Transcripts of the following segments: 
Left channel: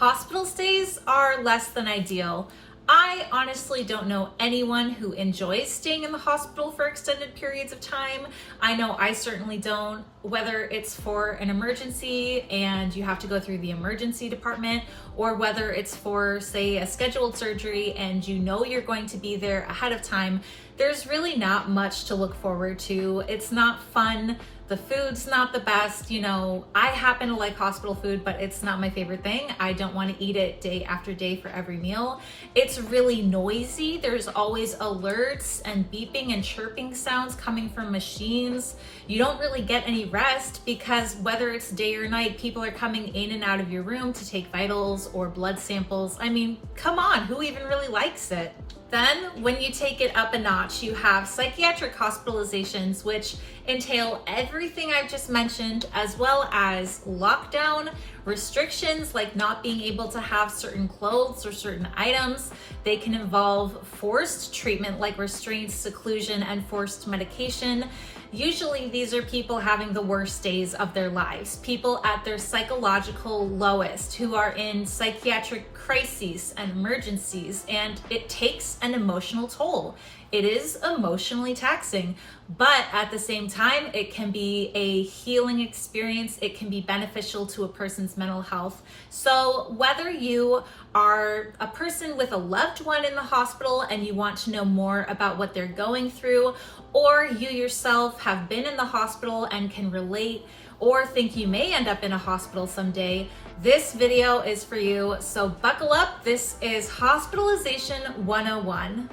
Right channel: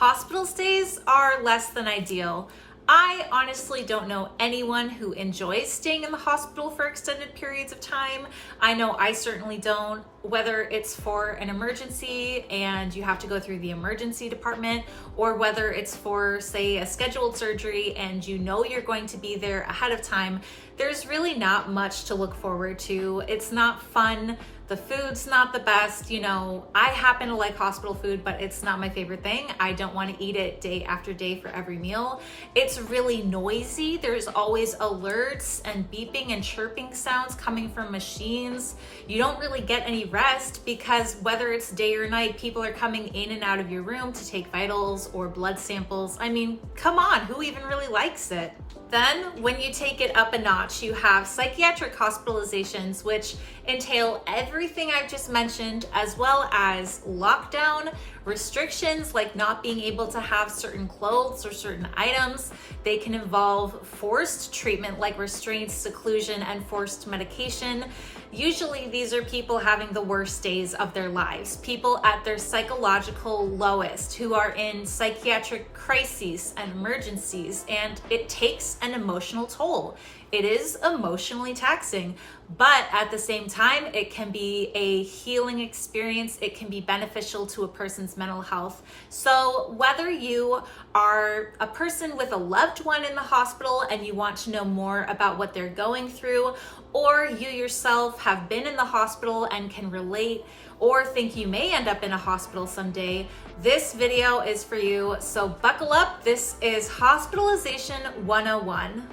Hospital stays are less than ideal. I honestly don't know anyone who enjoys staying in the hospital for extended periods of time. I know I certainly don't, whether it's for an emergency and you have to go through the emergency department, or whether it's for, say, a scheduled surgery and you know you're going to be there ahead of time. There's really not much to look forward to. It's not fun. The food's not the best. You know, I happen to like hospital food, but it's not my favorite thing. I don't want to eat it day after day for every meal. It's really noisy. There's always alerts and beeping and chirping sounds coming from machines. You don't really get any rest because whether it's day or night, people are coming in and out of your room to take vitals or blood samples. I mean, come on, who even really likes it? Then when you take it up a notch, you have psychiatric hospitalizations, which entail everything I've just mentioned, as well as lockdown, restrictions like not being able to have certain clothes or certain items. They can involve forced treatment like restraints, seclusion, and forced medication. Usually these are people having the worst days of their lives, people at their psychological lowest who are in psychiatric crises and emergencies, and it takes an emotional toll. It is emotionally taxing, but at the same time, it can be a healing experience. It can be beneficial to a person's mental health. So whether you are a person with a loved one in the hospital and you want to know more about what they're going through, or you yourself have been in the hospital and can relate, or think you may end up in a hospital someday, this video is for you. So buckle up. This is Hospitalization 101.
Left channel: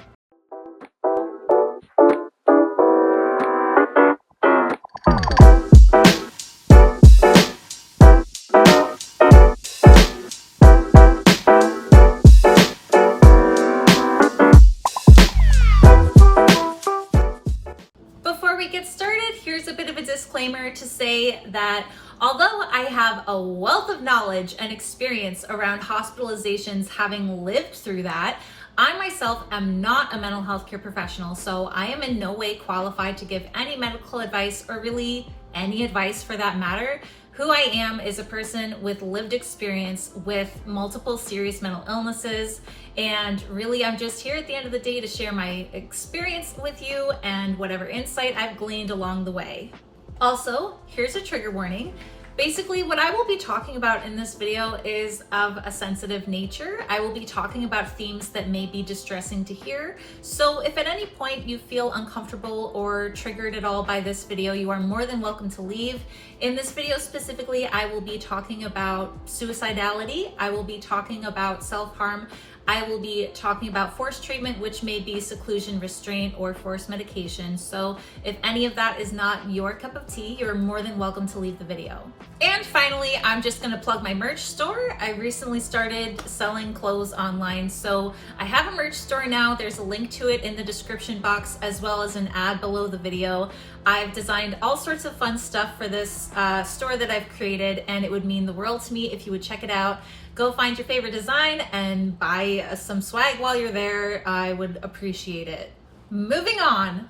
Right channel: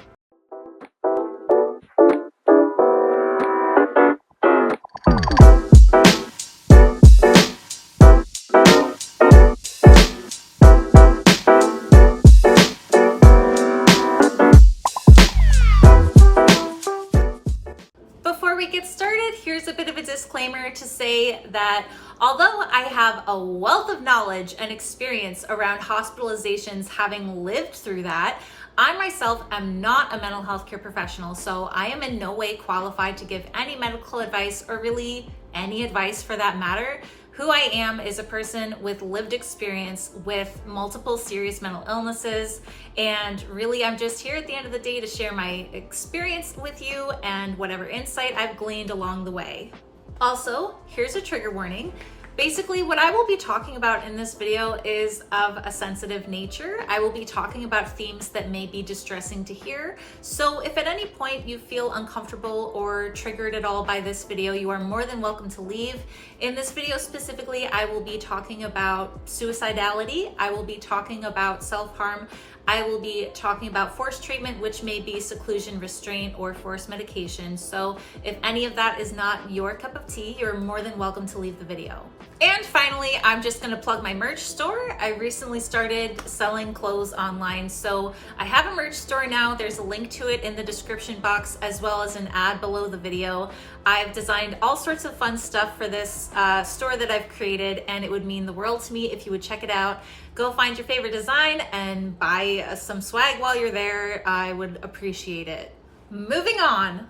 Here's a bit of a disclaimer to say that although I have a wealth of knowledge and experience around hospitalizations, having lived through that, I myself am not a mental health care professional, so I am in no way qualified to give any medical advice or really any advice for that matter. Who I am is a person with lived experience with multiple serious mental illnesses, and really I'm just here at the end of the day to share my experience with you and whatever insight I've gleaned along the way. Also, here's a trigger warning. Basically, what I will be talking about in this video is of a sensitive nature. I will be talking about themes that may be distressing to hear. So if at any point you feel uncomfortable or triggered at all by this video, you are more than welcome to leave. In this video specifically, I will be talking about suicidality. I will be talking about self-harm. I will be talking about forced treatment, which may be seclusion, restraint, or forced medication. So if any of that is not your cup of tea, you're more than welcome to leave the video. And finally, I'm just gonna plug my merch store. I recently started selling clothes online. So I have a merch store now. There's a link to it in the description box, as well as an ad below the video. I've designed all sorts of fun stuff for this store that I've created, and it would mean the world to me if you would check it out. Go find your favorite design and buy some swag while you're there. I would appreciate it. Moving on.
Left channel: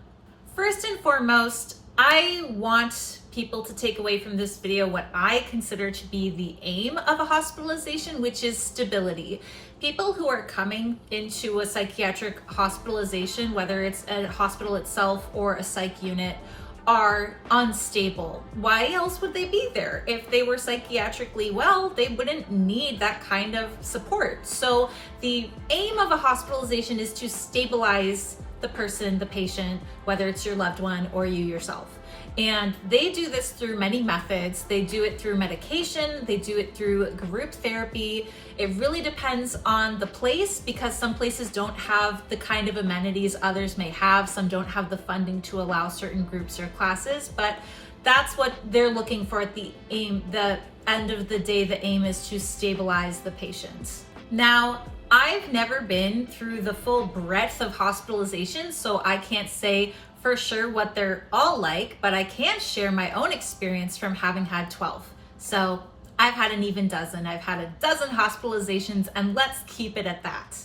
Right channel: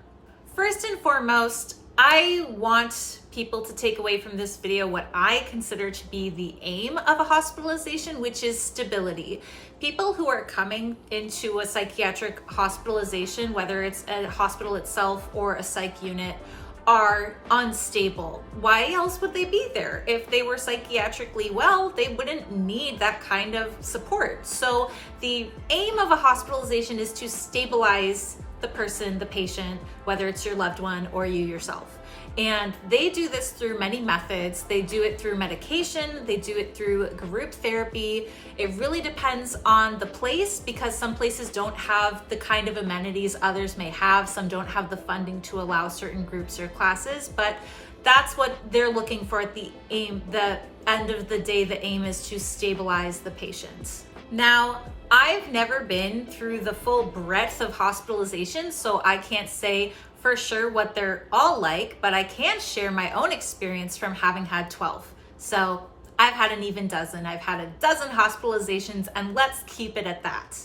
First and foremost, I want people to take away from this video what I consider to be the aim of a hospitalization, which is stability. People who are coming into a psychiatric hospitalization, whether it's a hospital itself or a psych unit, are unstable. Why else would they be there? If they were psychiatrically well, they wouldn't need that kind of support. So the aim of a hospitalization is to stabilize the person, the patient, whether it's your loved one or you yourself. And they do this through many methods. They do it through medication, they do it through group therapy. It really depends on the place, because some places don't have the kind of amenities others may have. Some don't have the funding to allow certain groups or classes, but that's what they're looking for at the aim. The end of the day, the aim is to stabilize the patient. Now, I've never been through the full breadth of hospitalizations, so I can't say for sure what they're all like, but I can share my own experience from having had 12. So I've had an even dozen. I've had a dozen hospitalizations, and let's keep it at that.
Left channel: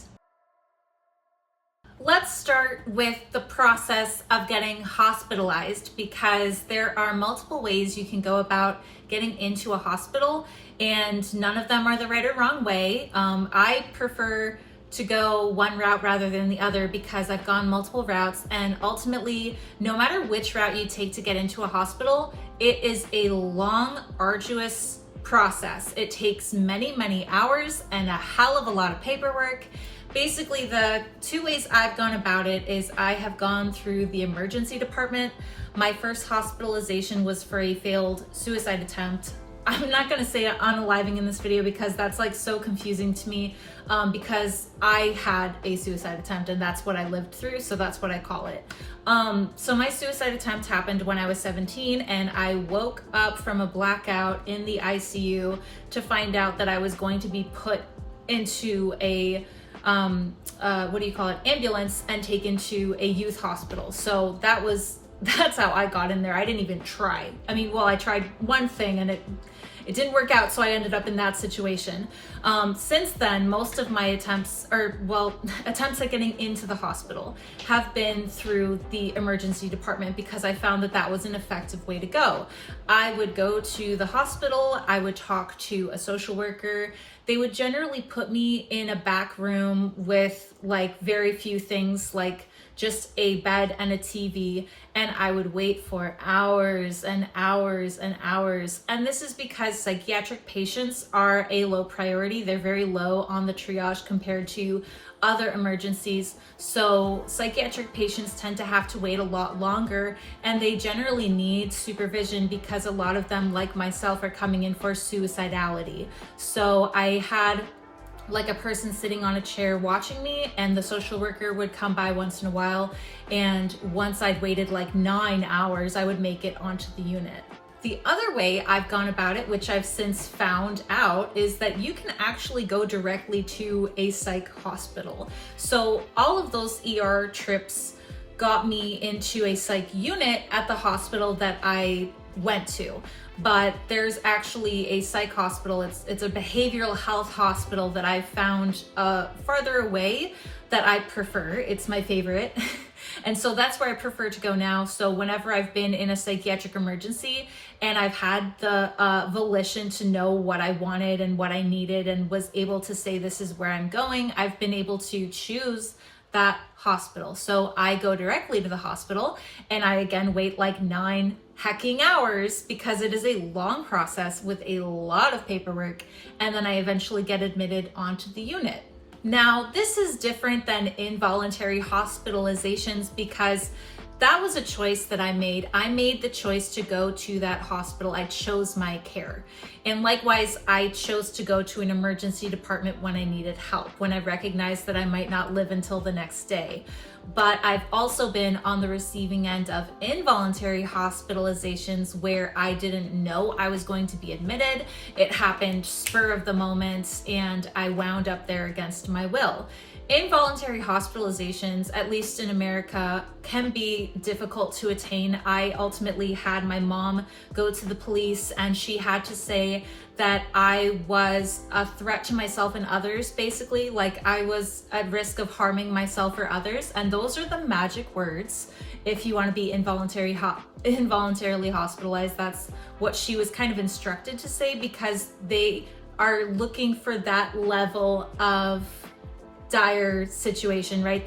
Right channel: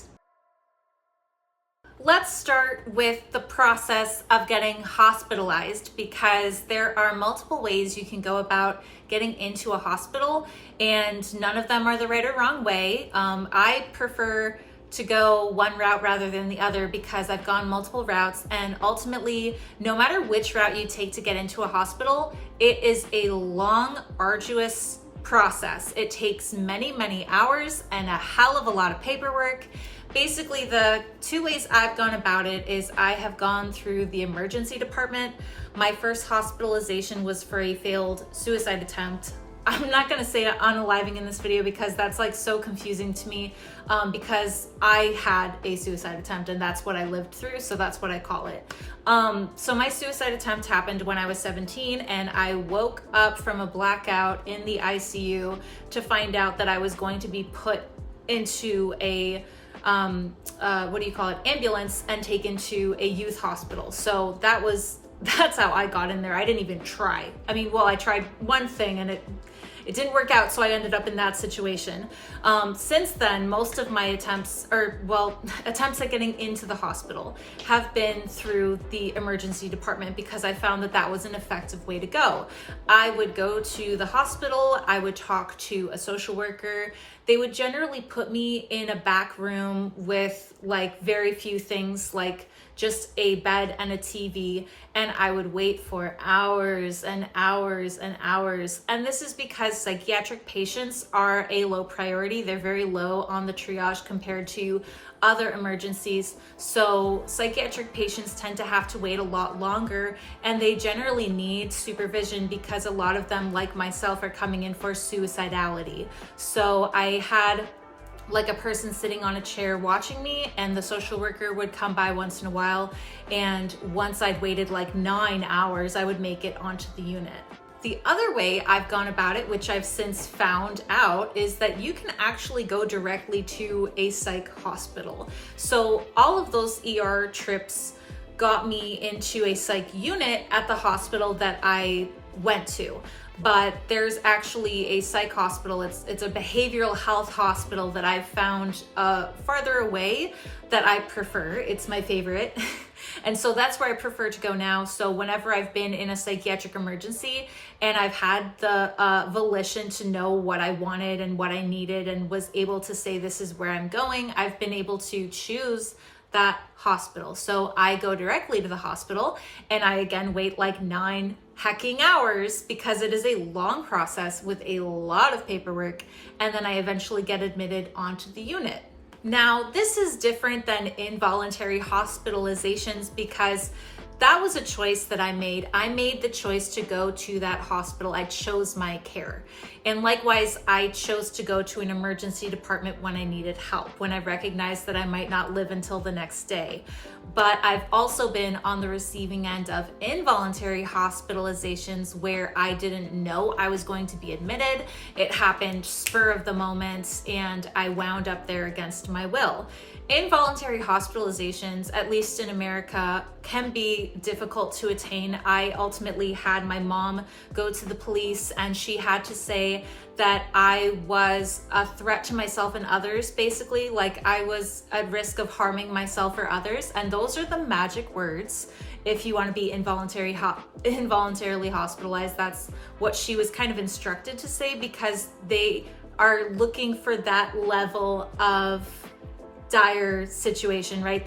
Let's start with the process of getting hospitalized, because there are multiple ways you can go about getting into a hospital. and none of them are the right or wrong way. I prefer to go one route rather than the other because I've gone multiple routes, and ultimately, no matter which route you take to get into a hospital, it is a long, arduous process. It takes many, many hours and a hell of a lot of paperwork. Basically, the two ways I've gone about it is I have gone through the emergency department. My first hospitalization was for a failed suicide attempt. I'm not gonna say unaliving in this video because that's like so confusing to me, because I had a suicide attempt and that's what I lived through, so that's what I call it. So my suicide attempt happened when I was 17, and I woke up from a blackout in the ICU to find out that I was going to be put into a ambulance and taken to a youth hospital. So that's how I got in there. I didn't even try. I mean, well, I tried one thing and it didn't work out, so I ended up in that situation. Since then, most of my attempts at getting into the hospital have been through the emergency department because I found that that was an effective way to go. I would go to the hospital, I would talk to a social worker. They would generally put me in a back room with like very few things, like just a bed and a TV, and I would wait for hours and hours and hours. And this is because psychiatric patients are a low priority. They're very low on the triage compared to other emergencies. So psychiatric patients tend to have to wait a lot longer, and they generally need supervision because a lot of them, like myself, are coming in for suicidality. So I had like a person sitting on a chair watching me, and the social worker would come by once in a while, and once I'd waited like 9 hours, I would make it onto the unit. The other way I've gone about it, which I've since found out, is that you can actually go directly to a psych hospital. So all of those ER trips got me into a psych unit at the hospital that I went to. But there's actually a psych hospital. It's a behavioral health hospital that I found farther away that I prefer. It's my favorite. And so that's where I prefer to go now. So whenever I've been in a psychiatric emergency and I've had the volition to know what I wanted and what I needed and was able to say, this is where I'm going, I've been able to choose that hospital. So I go directly to the hospital, and I again wait like 9 hecking hours because it is a long process with a lot of paperwork, and then I eventually get admitted onto the unit. Now, this is different than involuntary hospitalizations because that was a choice that I made. I made the choice to go to that hospital. I chose my care. And likewise, I chose to go to an emergency department when I needed help, when I recognized that I might not live until the next day. But I've also been on the receiving end of involuntary hospitalizations where I didn't know I was going to be admitted. It happened spur of the moment, and I wound up there against my will. Involuntary hospitalizations, at least in America, can be difficult to attain. I ultimately had my mom go to the police, and she had to say that I was a threat to myself and others, basically, like I was at risk of harming myself or others. And those are the magic words. If you want to be involuntarily hospitalized, that's what she was kind of instructed to say, because they are looking for that level of dire situation, right?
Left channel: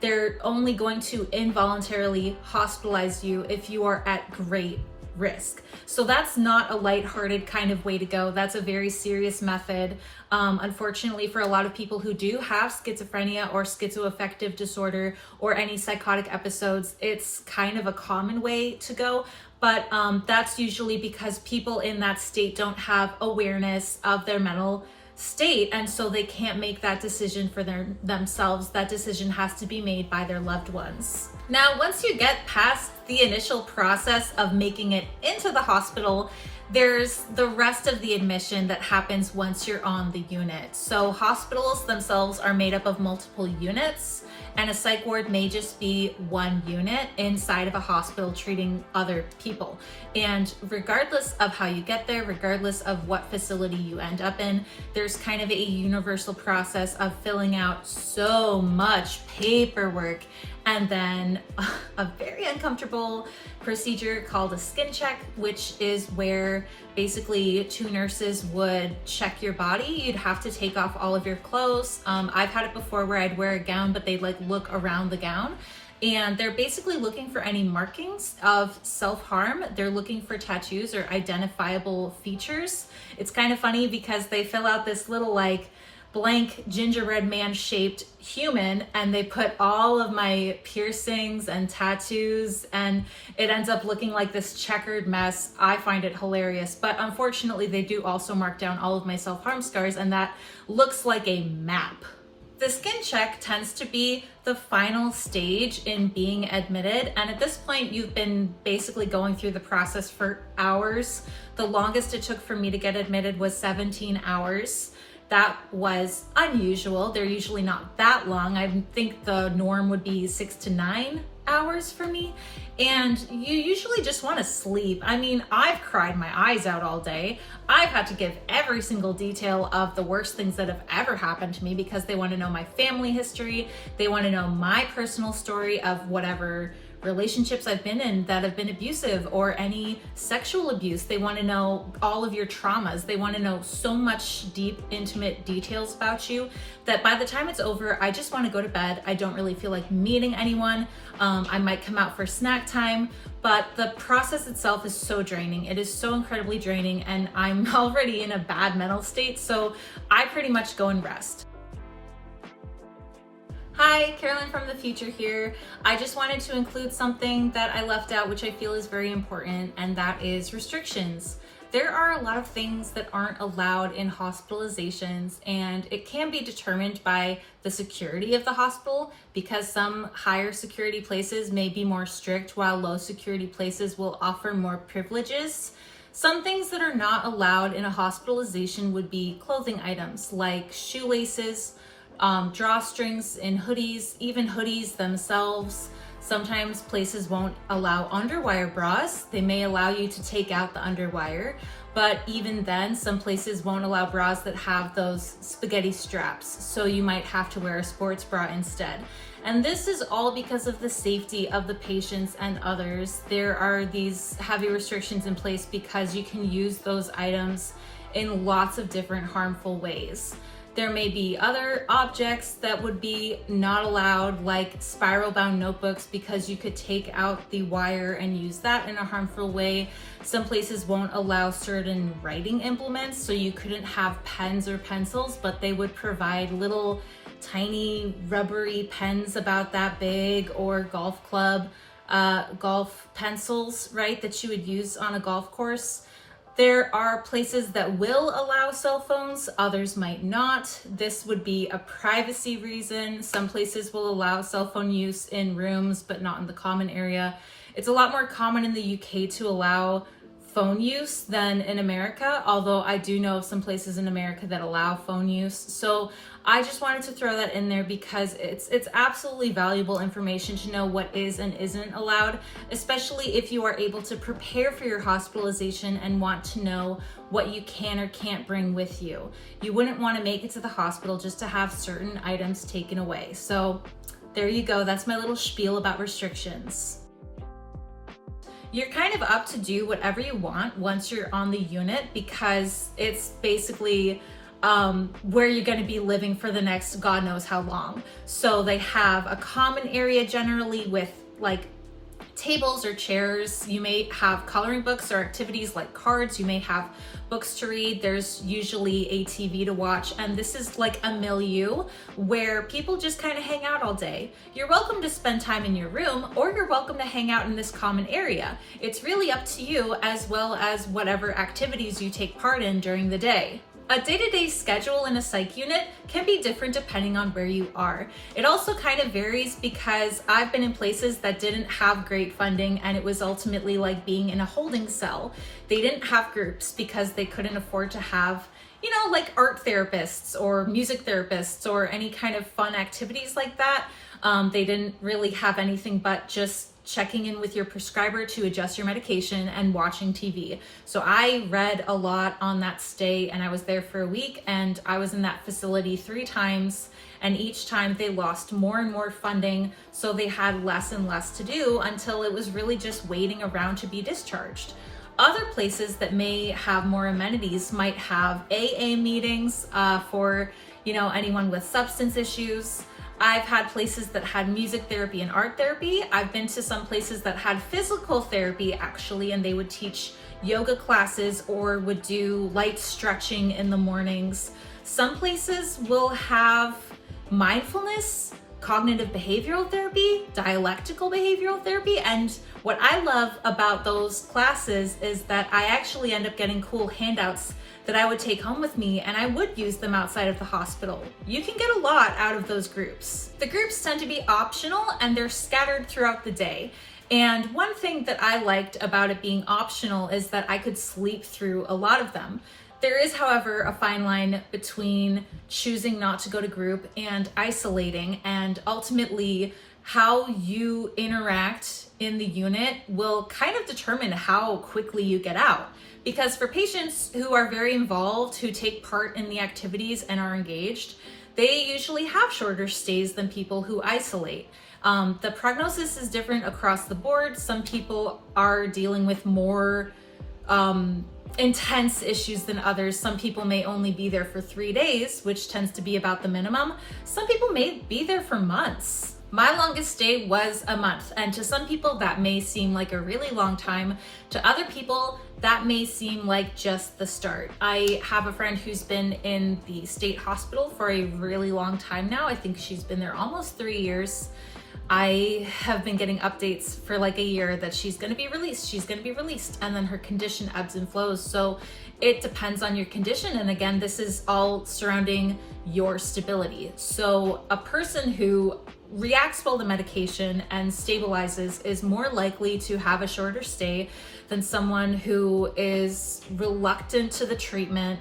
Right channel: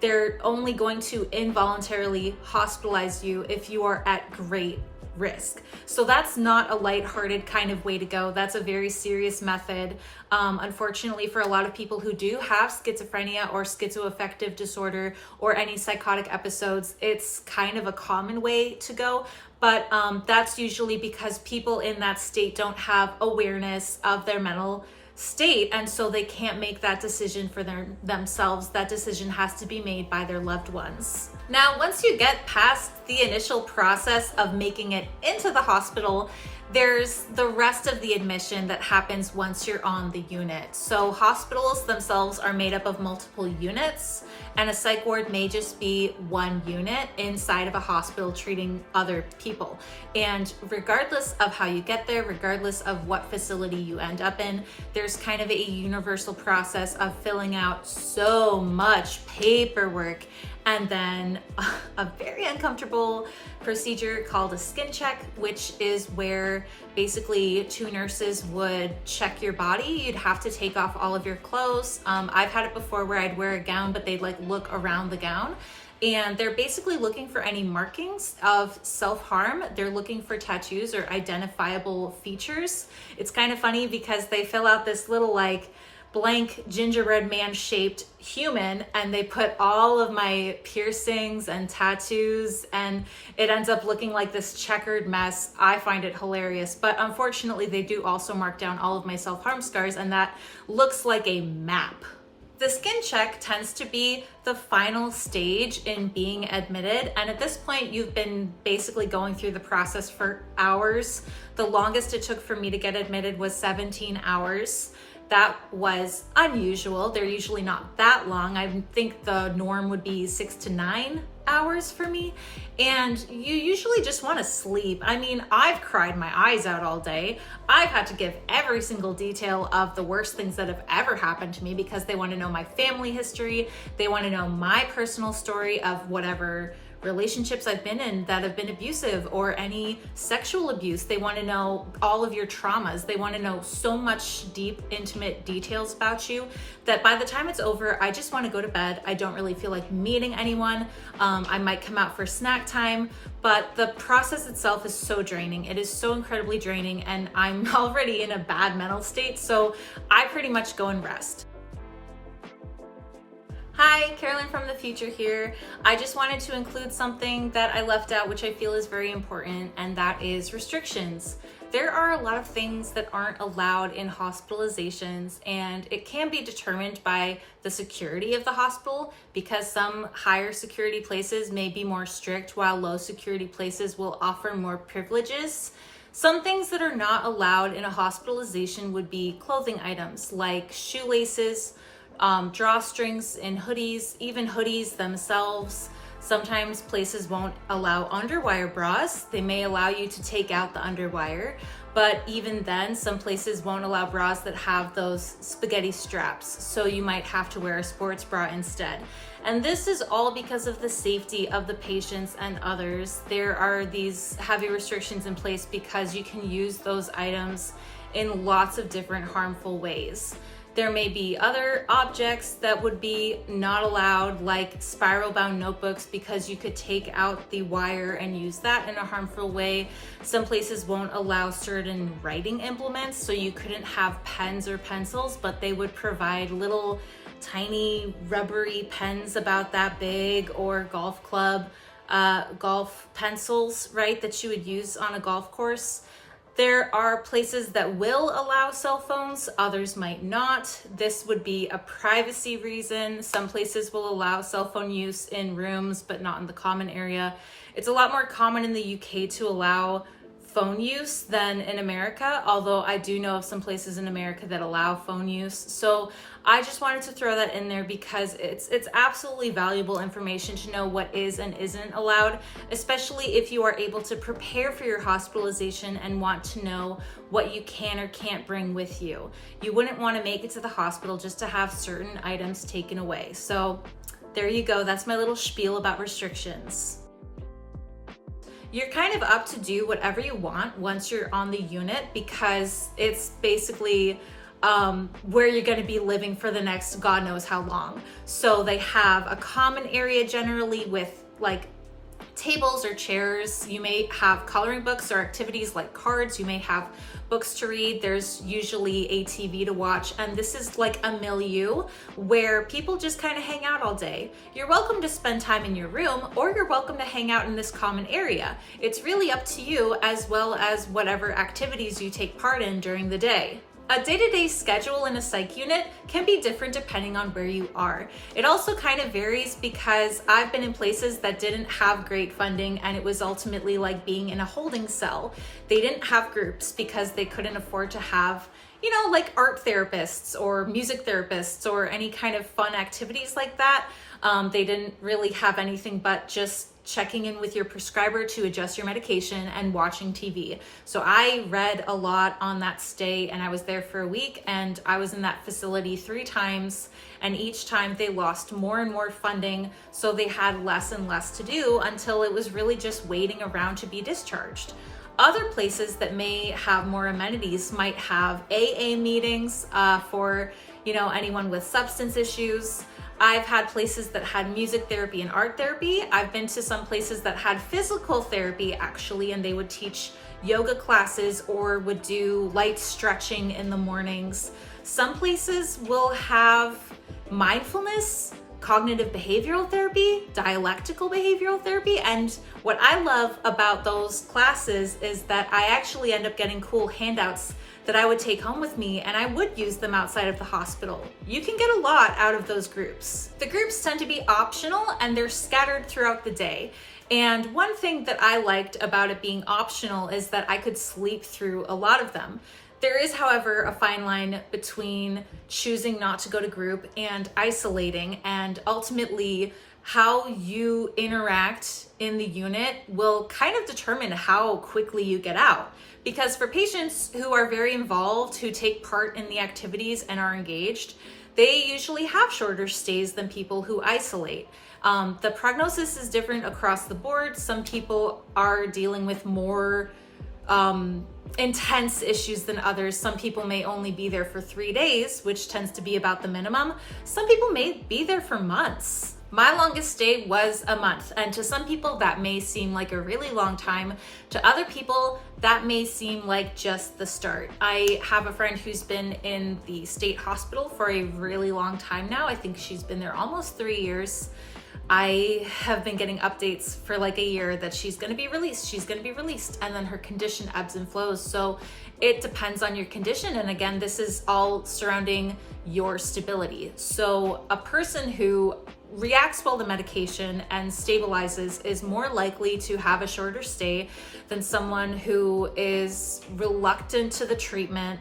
They're only going to involuntarily hospitalize you if you are at great risk. So that's not a lighthearted kind of way to go. That's a very serious method. Unfortunately, for a lot of people who do have schizophrenia or schizoaffective disorder or any psychotic episodes, it's kind of a common way to go. But that's usually because people in that state don't have awareness of their mental state, and so they can't make that decision for themselves. That decision has to be made by their loved ones. Now, once you get past the initial process of making it into the hospital, there's the rest of the admission that happens once you're on the unit. So hospitals themselves are made up of multiple units, and a psych ward may just be one unit inside of a hospital treating other people. And regardless of how you get there, regardless of what facility you end up in, there's kind of a universal process of filling out so much paperwork and then a very uncomfortable procedure called a skin check, which is where basically two nurses would check your body. You'd have to take off all of your clothes. I've had it before where I'd wear a gown, but they'd like look around the gown. And they're basically looking for any markings of self-harm. They're looking for tattoos or identifiable features. It's kind of funny because they fill out this little like blank gingerbread man shaped human, and they put all of my piercings and tattoos, and it ends up looking like this checkered mess. I find it hilarious, but unfortunately they do also mark down all of my self-harm scars, and that looks like a map. The skin check tends to be the final stage in being admitted, and at this point you've been basically going through the process for hours. The longest it took for me to get admitted was 17 hours. That was unusual. They're usually not that long. I think the norm would be 6 to 9 hours for me. And you usually just want to sleep. I mean, I've cried my eyes out all day. I've had to give every single detail of the worst things that have ever happened to me because they want to know my family history. They want to know my personal story of whatever relationships I've been in that have been abusive or any sexual abuse. They want to know all of your traumas. They want to know so much deep, intimate details about you that by the time it's over, I just want to go to bed. I don't really feel like meeting anyone. I might come out for snack time, but the process itself is so draining. It is so incredibly draining, and I'm already in a bad mental state, so I pretty much go and rest. Hi, Carolyn from the future here. I just wanted to include something that I left out, which I feel is very important, and that is restrictions. There are a lot of things that aren't allowed in hospitalizations, and it can be determined by the security of the hospital because some higher security places may be more strict while low security places will offer more privileges. Some things that are not allowed in a hospitalization would be clothing items like shoelaces, drawstrings and hoodies, even hoodies themselves. Sometimes places won't allow underwire bras. They may allow you to take out the underwire, but even then, some places won't allow bras that have those spaghetti straps, so you might have to wear a sports bra instead. And this is all because of the safety of the patients and others. There are these heavy restrictions in place because you can use those items in lots of different harmful ways. There may be other objects that would be not allowed, like spiral bound notebooks, because you could take out the wire and use that in a harmful way. Some places won't allow certain writing implements, so you couldn't have pens or pencils, but they would provide little tiny rubbery pens about that big, or golf club, golf pencils, right, that you would use on a golf course. There are places that will allow cell phones, others might not. This would be a privacy reason. Some places will allow cell phone use in rooms, but not in the common area. It's a lot more common in the UK to allow phone use than in America, although I do know of some places in America that allow phone use. So I just wanted to throw that in there because it's absolutely valuable information to know what is and isn't allowed, especially if you are able to prepare for your hospitalization and want to know what you can or can't bring with you. You wouldn't want to make it to the hospital just to have certain items taken away. So there you go. That's my little spiel about restrictions. You're kind of up to do whatever you want once you're on the unit because it's basically where you're going to be living for the next God knows how long. So they have a common area generally with like tables or chairs. You may have coloring books or activities like cards. You may have books to read. There's usually a TV to watch, and this is like a milieu where people just kind of hang out all day. You're welcome to spend time in your room, or you're welcome to hang out in this common area. It's really up to you, as well as whatever activities you take part in during the day. A day-to-day schedule in a psych unit can be different depending on where you are. It also kind of varies because I've been in places that didn't have great funding, and it was ultimately like being in a holding cell. They didn't have groups because they couldn't afford to have, you know, like art therapists or music therapists or any kind of fun activities like that. They didn't really have anything but just checking in with your prescriber to adjust your medication, and watching TV. So I read a lot on that stay, and I was there for a week, and I was in that facility 3 times, and each time they lost more and more funding, so they had less and less to do until it was really just waiting around to be discharged. Other places that may have more amenities might have AA meetings for anyone with substance issues. I've had places that had music therapy and art therapy. I've been to some places that had physical therapy actually, and they would teach yoga classes or would do light stretching in the mornings. Some places will have mindfulness, cognitive behavioral therapy, dialectical behavioral therapy, and what I love about those classes is that I actually end up getting cool handouts that I would take home with me, and I would use them outside of the hospital. You can get a lot out of those groups. The groups tend to be optional, and they're scattered throughout the day. And one thing that I liked about it being optional is that I could sleep through a lot of them. There is, however, a fine line between choosing not to go to group and isolating, and ultimately how you interact in the unit will kind of determine how quickly you get out. Because for patients who are very involved, who take part in the activities and are engaged, they usually have shorter stays than people who isolate. The prognosis is different across the board. Some people are dealing with more intense issues than others. Some people may only be there for 3 days, which tends to be about the minimum. Some people may be there for months. My longest stay was a month, and to some people that may seem like a really long time. To other people, that may seem like just the start. I have a friend who's been in the state hospital for a really long time now. I think she's been there almost 3 years. I have been getting updates for like a year that she's gonna be released, and then her condition ebbs and flows. So it depends on your condition, and again, this is all surrounding your stability. So a person who reacts well to medication and stabilizes is more likely to have a shorter stay than someone who is reluctant to the treatment,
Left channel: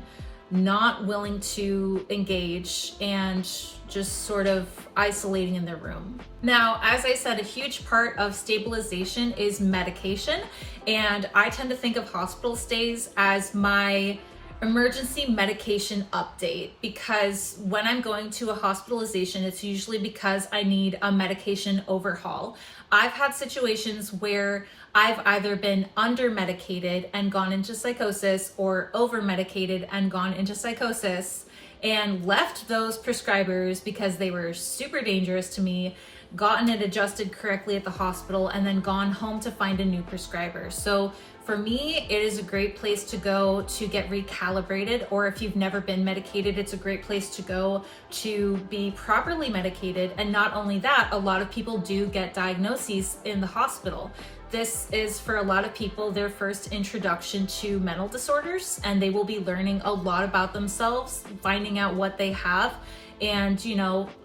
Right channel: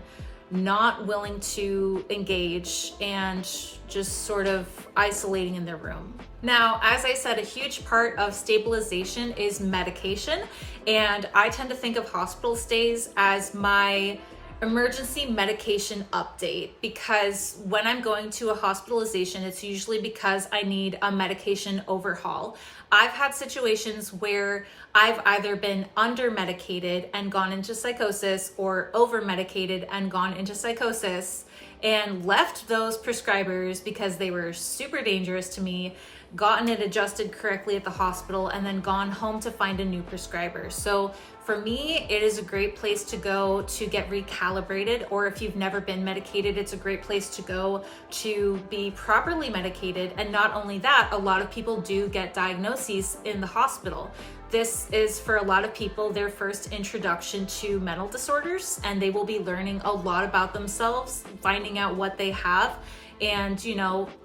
not willing to engage, and just sort of isolating in their room. Now, as I said, a huge part of stabilization is medication, and I tend to think of hospital stays as my emergency medication update, because when I'm going to a hospitalization, it's usually because I need a medication overhaul. I've had situations where I've either been under-medicated and gone into psychosis, or over-medicated and gone into psychosis, and left those prescribers because they were super dangerous to me, gotten it adjusted correctly at the hospital, and then gone home to find a new prescriber. So for me, it is a great place to go to get recalibrated, or if you've never been medicated, it's a great place to go to be properly medicated. And not only that, a lot of people do get diagnoses in the hospital. This is, for a lot of people, their first introduction to mental disorders, and they will be learning a lot about themselves, finding out what they have. And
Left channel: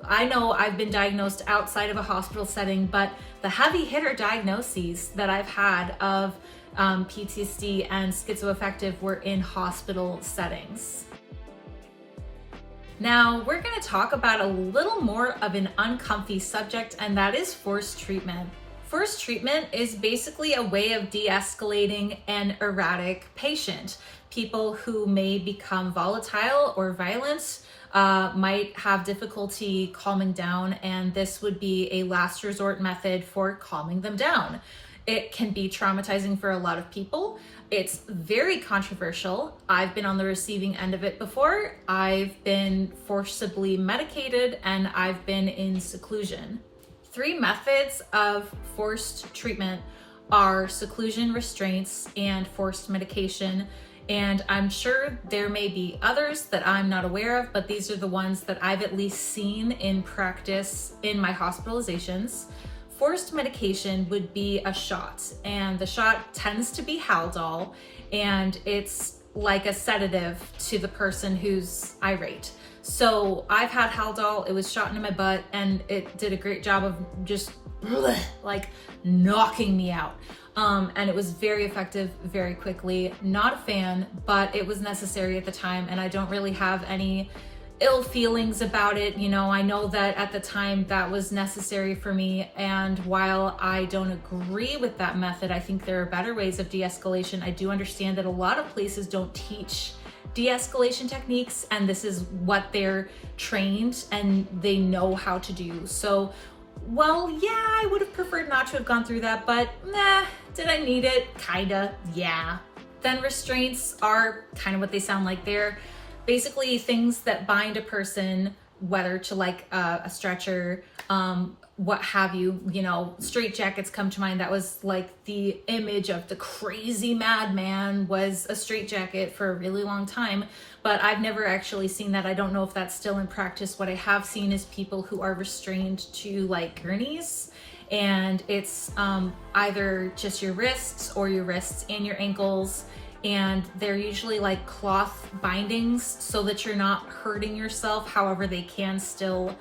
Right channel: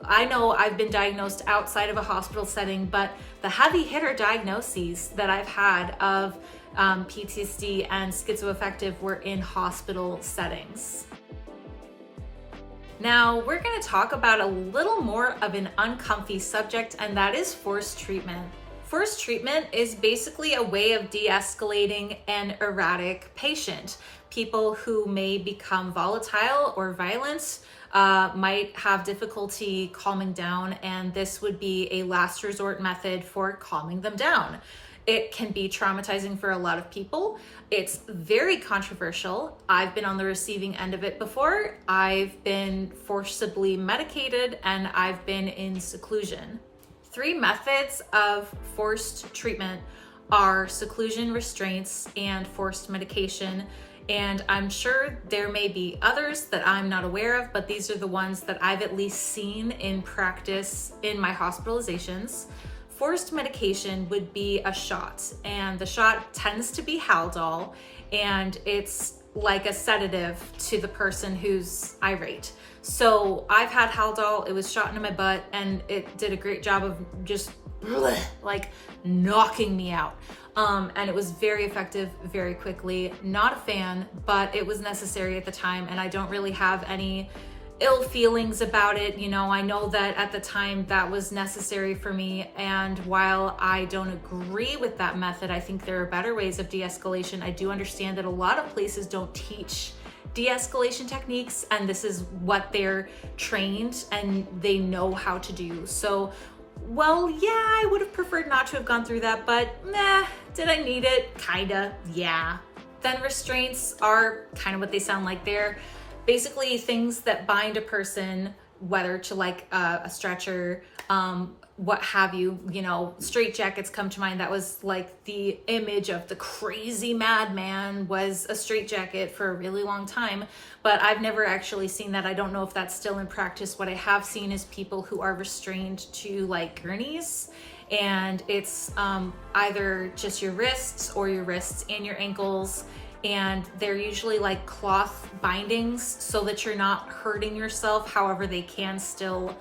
I know I've been diagnosed outside of a hospital setting, but the heavy hitter diagnoses that I've had of PTSD and schizoaffective were in hospital settings. Now, we're going to talk about a little more of an uncomfy subject, and that is forced treatment. Forced treatment is basically a way of de-escalating an erratic patient. People who may become volatile or violent might have difficulty calming down, and this would be a last resort method for calming them down. It can be traumatizing for a lot of people. It's very controversial. I've been on the receiving end of it before. I've been forcibly medicated, and I've been in seclusion. 3 methods of forced treatment are seclusion, restraints, and forced medication. And I'm sure there may be others that I'm not aware of, but these are the ones that I've at least seen in practice in my hospitalizations. Forced medication would be a shot, and the shot tends to be Haldol, and it's like a sedative to the person who's irate. So I've had Haldol, it was shot into my butt, and it did a great job of just like knocking me out. And it was very effective very quickly. Not a fan, but it was necessary at the time, and I don't really have any ill feelings about it. You know, I know that at the time that was necessary for me. And while I don't agree with that method, I think there are better ways of de-escalation. I do understand that a lot of places don't teach de-escalation techniques, and this is what they're trained and they know how to do. So, well, yeah, I would have preferred not to have gone through that, but did I need it? Kinda, yeah. Then restraints are kind of what they sound like. They're basically things that bind a person, whether to like a stretcher, what have you. You know, straitjackets come to mind. That was like the image of the crazy madman, was a straitjacket for a really long time, but I've never actually seen that. I don't know if that's still in practice. What I have seen is people who are restrained to like gurneys, and it's either just your wrists or your wrists and your ankles. And they're usually like cloth bindings so that you're not hurting yourself. However, they can still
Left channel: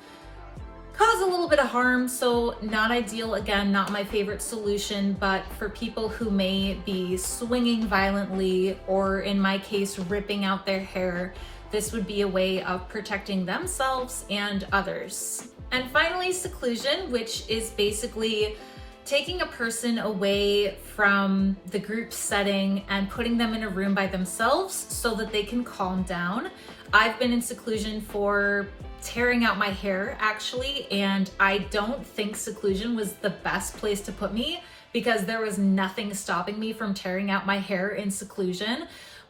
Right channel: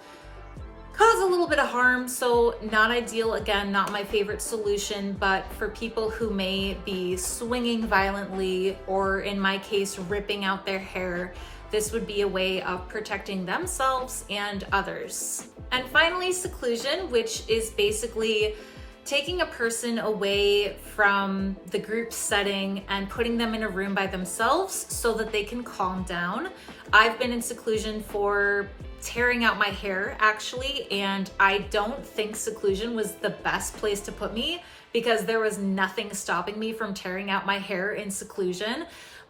cause a little bit of harm. So not ideal. Again, not my favorite solution, but for people who may be swinging violently, or in my case, ripping out their hair, this would be a way of protecting themselves and others. And finally, seclusion, which is basically taking a person away from the group setting and putting them in a room by themselves so that they can calm down. I've been in seclusion for tearing out my hair, actually, and I don't think seclusion was the best place to put me because there was nothing stopping me from tearing out my hair in seclusion.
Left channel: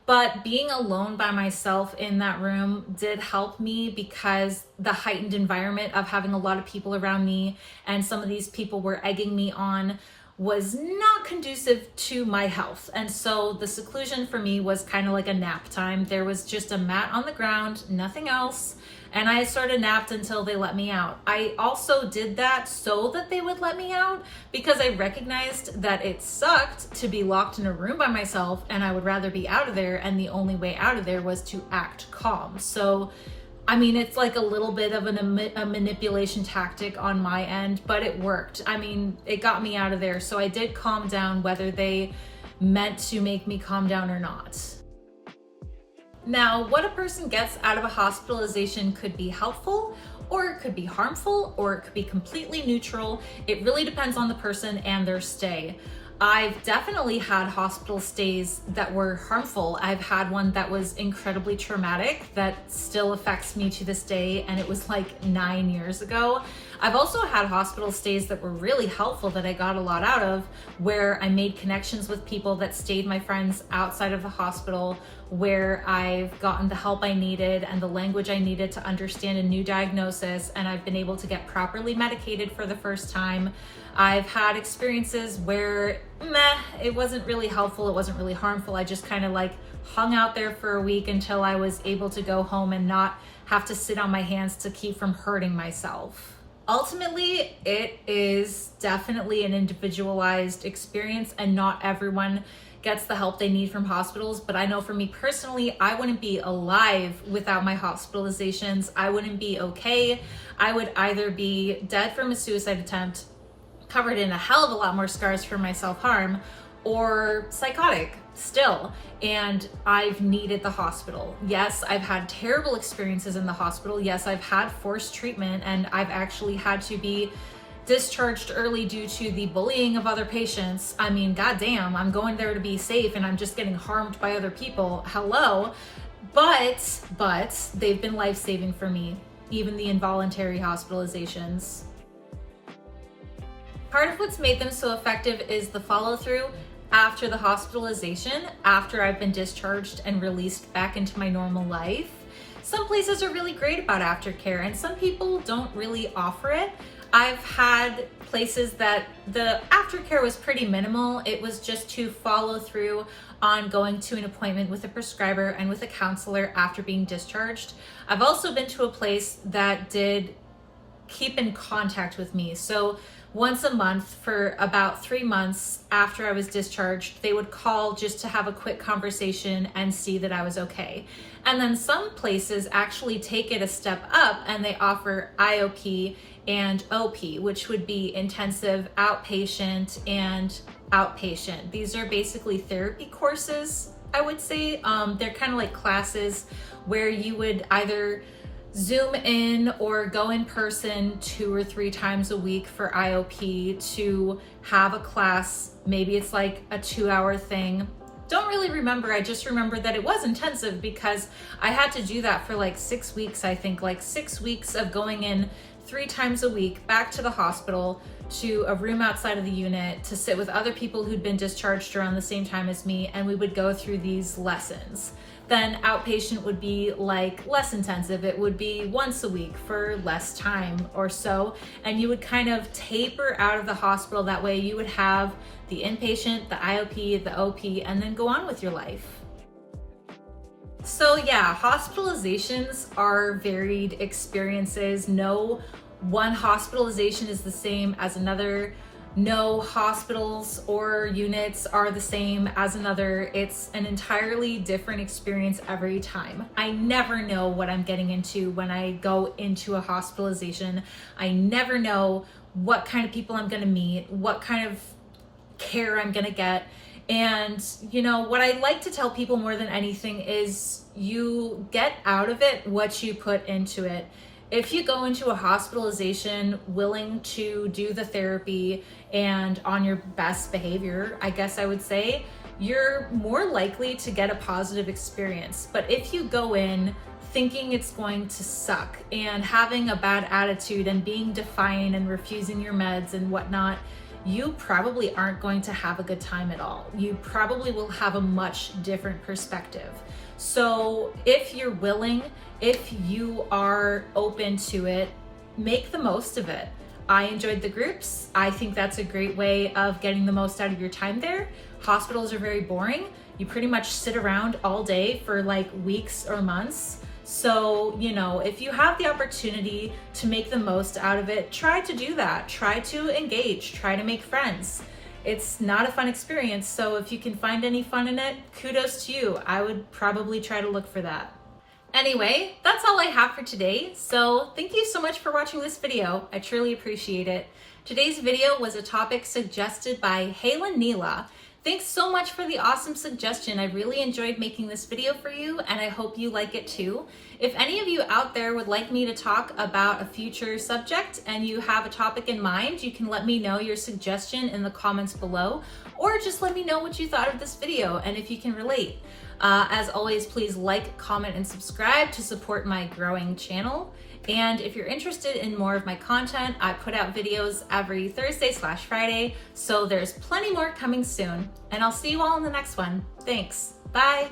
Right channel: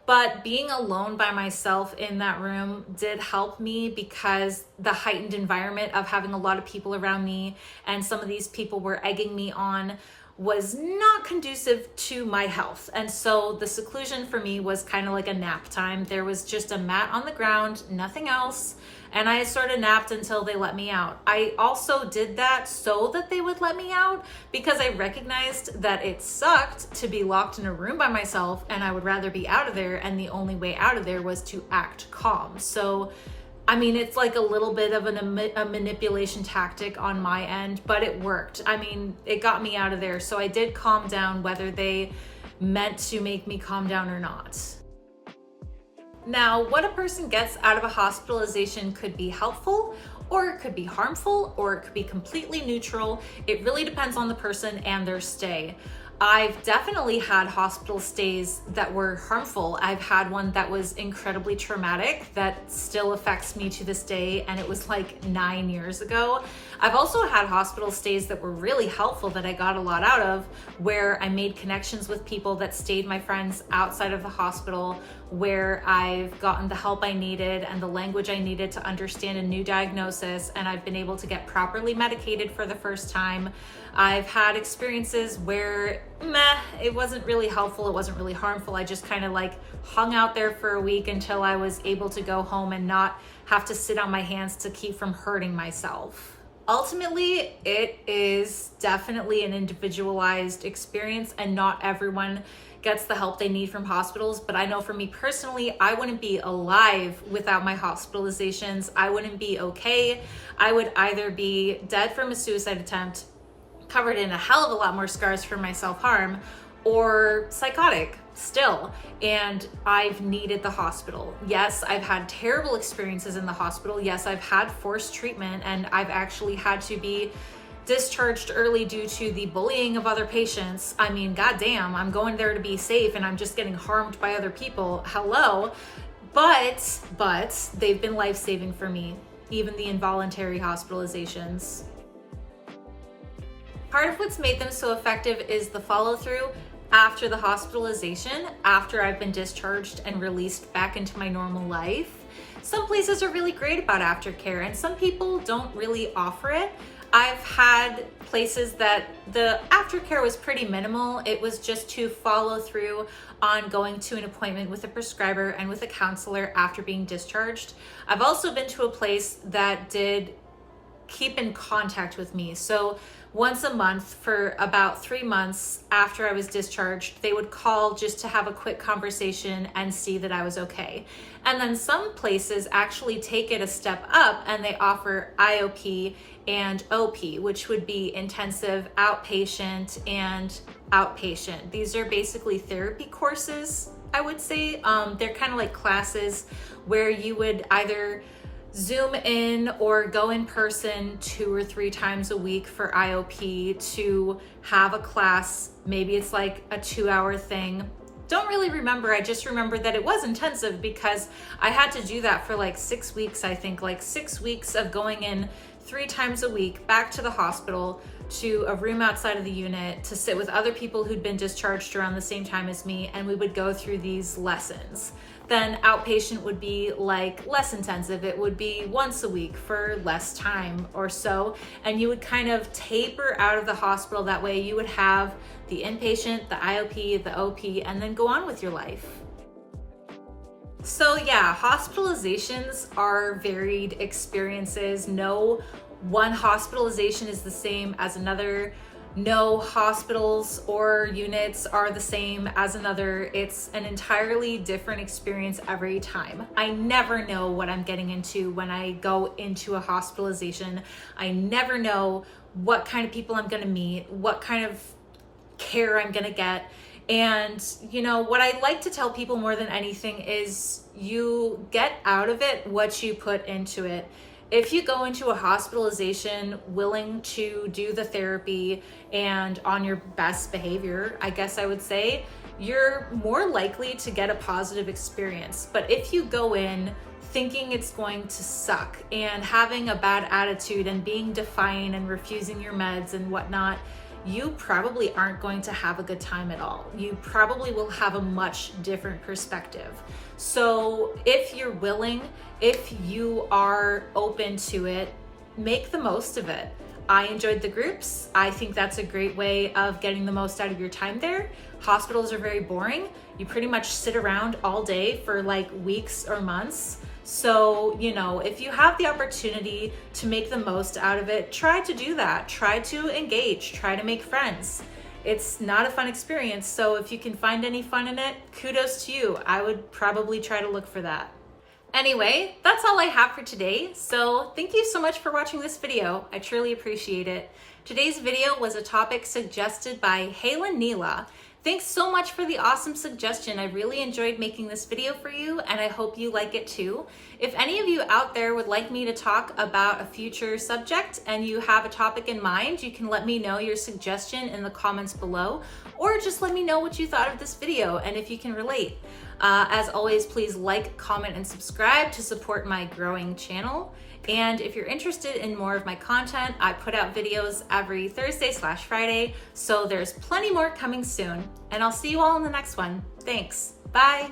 But being alone by myself in that room did help me, because the heightened environment of having a lot of people around me, and some of these people were egging me on, was not conducive to my health. And so the seclusion for me was kind of like a nap time. There was just a mat on the ground, nothing else. And I sort of napped until they let me out. I also did that so that they would let me out, because I recognized that it sucked to be locked in a room by myself, and I would rather be out of there. And the only way out of there was to act calm. So, I mean, it's like a little bit of a manipulation tactic on my end, but it worked. I mean, it got me out of there. So I did calm down, whether they meant to make me calm down or not. Now, what a person gets out of a hospitalization could be helpful, or it could be harmful, or it could be completely neutral. It really depends on the person and their stay. I've definitely had hospital stays that were harmful. I've had one that was incredibly traumatic that still affects me to this day, and it was like 9 years ago. I've also had hospital stays that were really helpful, that I got a lot out of, where I made connections with people that stayed my friends outside of the hospital, where I've gotten the help I needed and the language I needed to understand a new diagnosis, and I've been able to get properly medicated for the first time. I've had experiences where it wasn't really helpful, it wasn't really harmful. I just kind of like hung out there for a week until I was able to go home and not have to sit on my hands to keep from hurting myself. Ultimately, it is definitely an individualized experience, and not everyone gets the help they need from hospitals. But I know for me personally, I wouldn't be alive without my hospitalizations. I wouldn't be okay. I would either be dead from a suicide attempt, covered in a hell of a lot more scars from my self-harm, or psychotic still. And I've needed the hospital. Yes, I've had terrible experiences in the hospital. Yes, I've had forced treatment, and I've actually had to be discharged early due to the bullying of other patients. I mean, goddamn, I'm going there to be safe and I'm just getting harmed by other people. Hello. But they've been life-saving for me, even the involuntary hospitalizations. Part of what's made them so effective is the follow-through after the hospitalization, after I've been discharged and released back into my normal life. Some places are really great about aftercare, and some people don't really offer it. I've had places that the aftercare was pretty minimal. It was just to follow through on going to an appointment with a prescriber and with a counselor after being discharged. I've also been to a place that did keep in contact with me. So once a month for about 3 months after I was discharged, they would call just to have a quick conversation and see that I was okay. And then some places actually take it a step up and they offer IOP and OP, which would be intensive outpatient and outpatient. These are basically therapy courses, I would say. They're kind of like classes where you would either Zoom in or go in person 2 or 3 times a week for IOP to have a class. Maybe it's like a 2-hour thing. Don't really remember. I just remember that it was intensive because I had to do that for like 6 weeks, I think, like 6 weeks of going in 3 times a week back to the hospital to a room outside of the unit to sit with other people who'd been discharged around the same time as me, and we would go through these lessons. Then outpatient would be like less intensive. It would be once a week for less time or so, and you would kind of taper out of the hospital. That way you would have the inpatient, the IOP, the OP, and then go on with your life. So yeah, hospitalizations are varied experiences. No one hospitalization is the same as another. No hospitals or units are the same as another. It's an entirely different experience every time. I never know what I'm getting into when I go into a hospitalization. I never know what kind of people I'm gonna meet, what kind of care I'm gonna get. And you know, what I like to tell people more than anything is you get out of it what you put into it. If you go into a hospitalization willing to do the therapy and on your best behavior, I guess I would say, you're more likely to get a positive experience. But if you go in thinking it's going to suck and having a bad attitude and being defiant and refusing your meds and whatnot, you probably aren't going to have a good time at all. You probably will have a much different perspective. So if you're willing, if you are open to it, make the most of it. I enjoyed the groups. I think that's a great way of getting the most out of your time there. Hospitals are very boring. You pretty much sit around all day for like weeks or months. So, you know, if you have the opportunity to make the most out of it, try to do that. Try to engage, try to make friends. It's not a fun experience, so if you can find any fun in it, kudos to you. I would probably try to look for that. Anyway, that's all I have for today, so thank you so much for watching this video. I truly appreciate it. Today's video was a topic suggested by Halen Neela. Thanks so much for the awesome suggestion. I really enjoyed making this video for you, and I hope you like it too. If any of you out there would like me to talk about a future subject and you have a topic in mind, you can let me know your suggestion in the comments below, or just let me know what you thought of this video and if you can relate. As always, please like, comment, and subscribe to support my growing channel. And if you're interested in more of my content, I put out videos every Thursday/Friday, so there's plenty more coming soon. And I'll see you all in the next one. Thanks. Bye.